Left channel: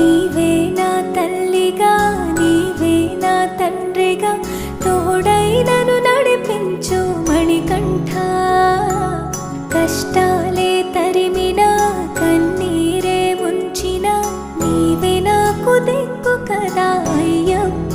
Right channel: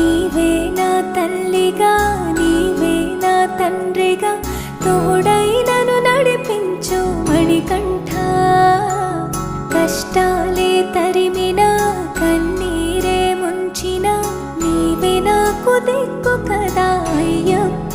నీవే నా తల్లిగా నీవే నా తండ్రిగా తోడై నన్ను నడిపించు మణికంఠ. కష్టాలే తరిమినా కన్నీరే ముంచిన నీవే నాకు దిక్కు కదా అయ్యప్ప.